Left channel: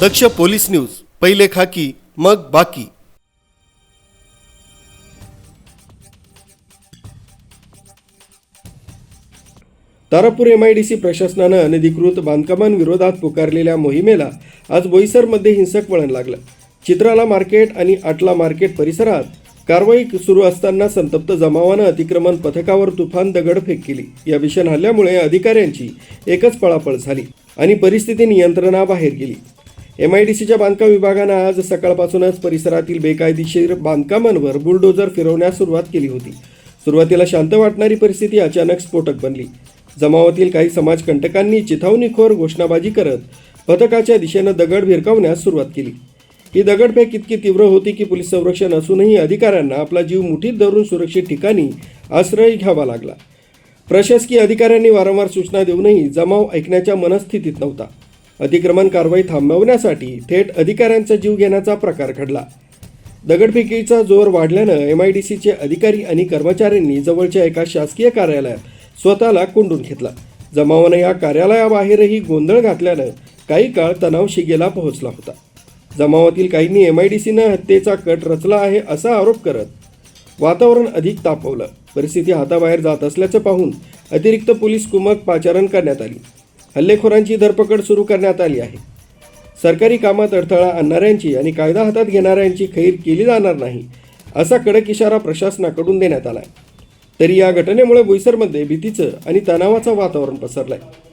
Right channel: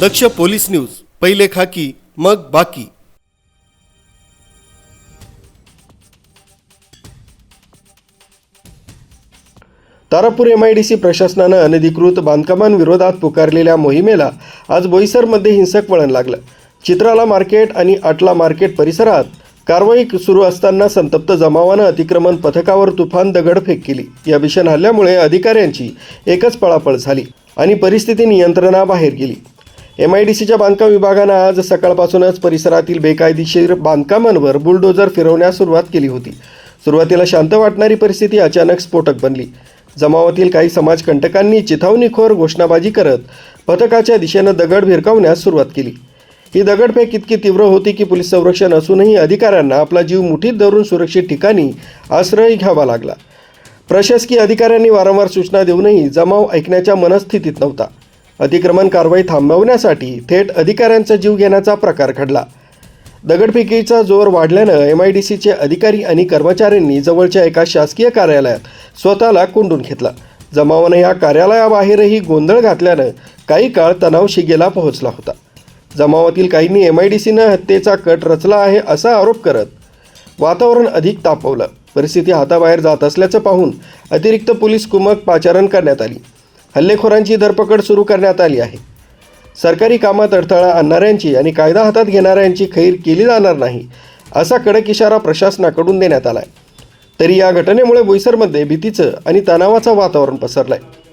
दक्ष police news, पहिले खाकी मग बाकी। तारापूर MIDC प्रशासनानं अनधिकृत बांधकामांविरोधात पुकारलेल्या मोहिमेला आज बोईसरमध्ये हिंसक वळण लागलं। चित्राला मार्केट आणि आटला मार्केट परिसरात कारवाई सुरू असताना संतप्त जमावानं अतिक्रमण पथकावर तुफान दगडफेक केली। या भीषण हल्ल्यामुळे अधिकाऱ्यांची एकच पळापळ झाली आणि परिस्थिती नियंत्रणाबाहेर गेली। MIDCच्या बांधकाम विभागानं आज सकाळपासूनच परिसरातील बेकायदेशीर बांधकामांवर बुलडोजर फिरवण्यास सुरुवात केली होती। सुरुवातीला शांत वाटणारी परिस्थिती अचानक स्फोटक बनली। जमावातील काही समाजकंटकांनी चिथावणीखोर घोषणाबाजी करत पथकाच्या दिशेनं दगड भिरकावण्यास सुरुवात केली। ही दगडफेक इतकी तीव्र होती की पोलीस संरक्षण असूनही अधिकाऱ्यांना आपला जीव मुठीत धरून सुरक्षित ठिकाणी आश्रय घ्यावा लागला। प्रशासकीय अधिकाऱ्यांनी वारंवार सूचना देऊनही जमाव ऐकण्याच्या मनस्थितीत नव्हता। अतिक्रमण कारवाई थांबवण्यासाठी थेट अधिकाऱ्यांचा जीव घेण्याचा प्रकार घडला। दगडफेकीचा जोर वाढल्यानं MIDCचे अधिकारी आणि कर्मचाऱ्यांनी जवळच्या एका शासकीय कार्यालयात स्वतःला कोंडून घेतला। जमावानं या कार्यालयाबाहेरही गोंधळ घातल्यानं काही काळ तणाव शिगेला पोहोचला होता। जमावातील काहींनी MIDCनं हत्येचा कट रचला आहे असा आरोप करत वातावरण अधिक तापवलं। परिस्थिती हाताबाहेर जात असल्याचं पाहून अतिरिक्त पोलीस कुमक पाचारण करण्यात आली। हल्लेखोरांची धरपकड सुरू करण्यात आली आहे। सरकारी कामात अडथळा आणणाऱ्यांची आणि कायदा हातात घेणाऱ्यांची खैर केली जाणार नाही असा कडक इशारा प्रशासनाकडून देण्यात आला आहे। तरी या घटनेमुळे बोईसरमध्ये भीतीचं आणि तणावाचं वातावरण पसरलं आहे।